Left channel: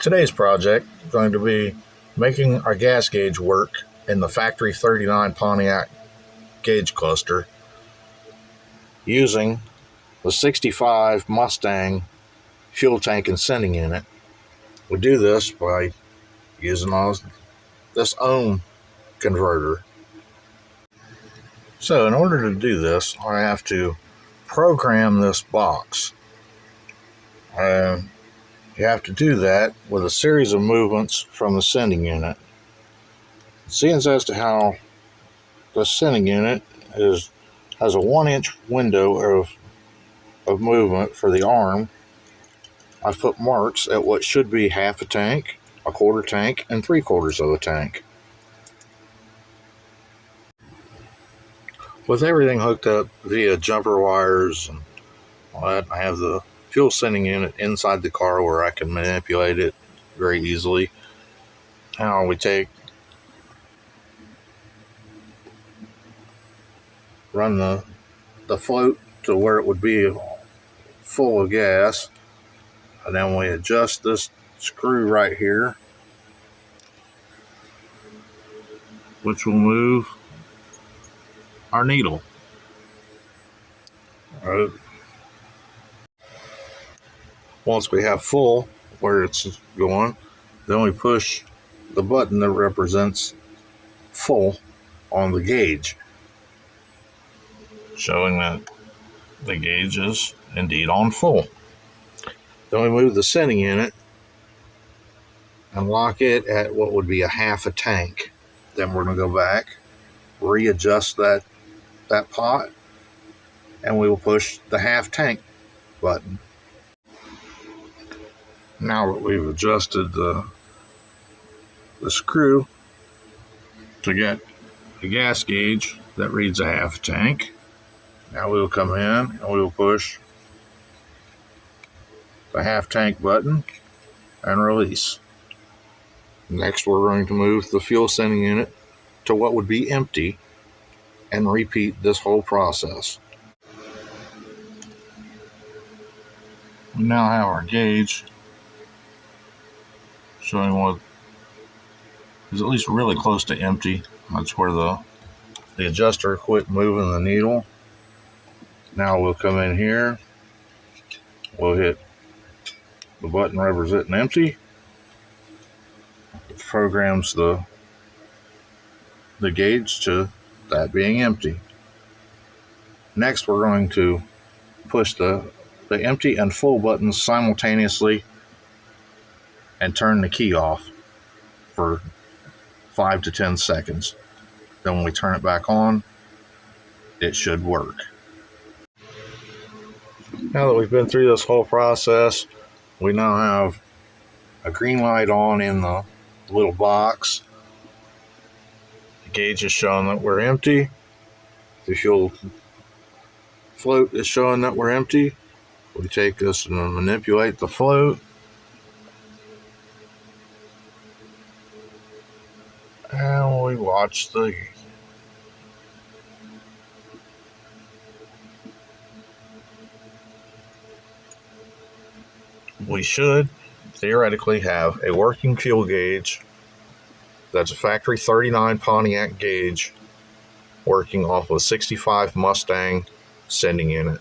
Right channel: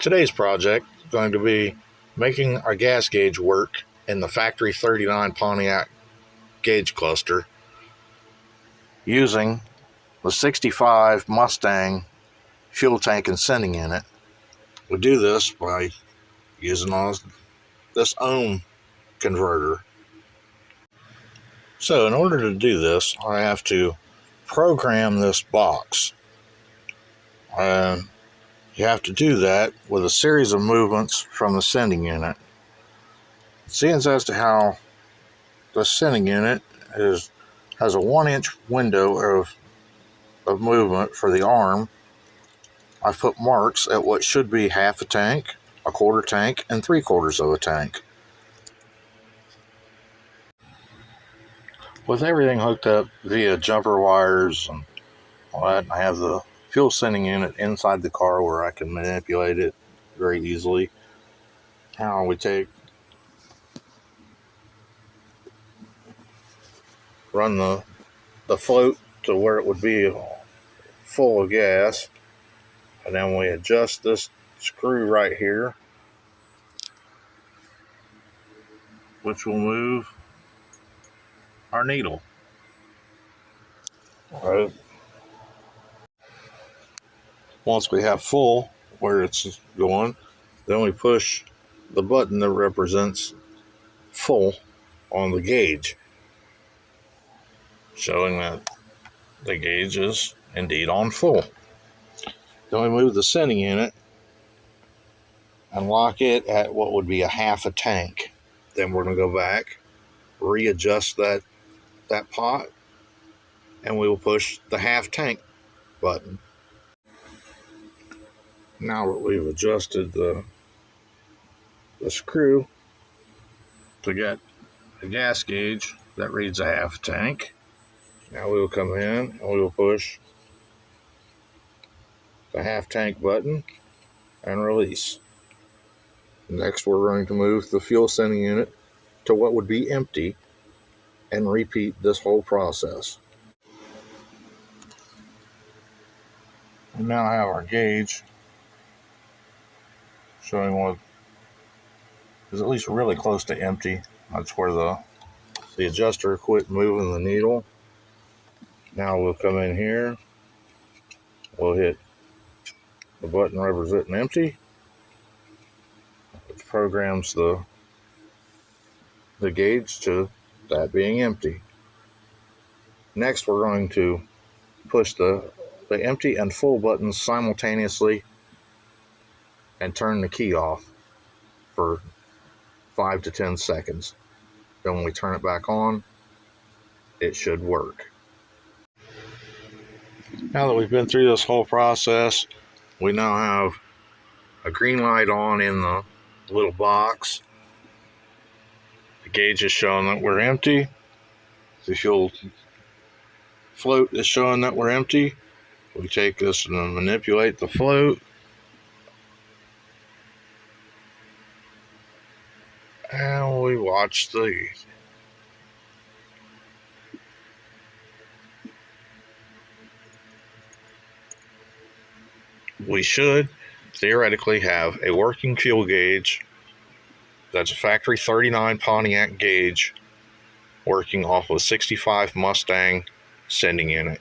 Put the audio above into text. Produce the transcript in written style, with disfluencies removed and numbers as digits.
Today's project is going to be making our gas gauge work in the Factory 39 Pontiac gauge cluster using the 65 Mustang fuel tank and sending unit. We do this by using this ohm converter. So in order to do this, I have to program this box. You have to do that with a series of movements from the sending unit. Seeing as to how the sending unit has a 1-inch window of movement for the arm, I've put marks at what should be half a tank, a quarter tank, and 3/4 of a tank. With everything hooked up via jumper wires and all that, I have the fuel sending unit inside the car where I can manipulate it very easily. Now we run the float to where it would be full of gas, and then we adjust this screw right here, which will move our needle. Right. Once we have full where it's going, then we push the button that represents full on the gauge, showing that the gauge is indeed on full. Then we move the sending unit and lock it at what would be a half a tank. Then we're going to go back, readjust that pot, and we will push the half tank button. Now that we've adjusted the screw to get the gas gauge that reads a half tank, now we'll come in and we'll push the half tank button and release. Next, we're going to move the fuel sending unit to what would be empty and repeat this whole process. We now have our gauge showing what is at least really close to empty. That's where the adjuster quit moving the needle. Now we'll come in here, we'll hit the button representing empty, which programs the gauge to that being empty. Next, we're going to push the empty and full buttons simultaneously and turn the key off for 5 to 10 seconds. Then when we turn it back on, it should work. Now that we've been through this whole process, we now have a green light on in the little box. The gauge is showing that we're empty. The fuel float is showing that we're empty. We take this and manipulate the float. And we watch we should theoretically have a working fuel gauge that's a Factory 39 Pontiac gauge working off of a 65 Mustang sending unit.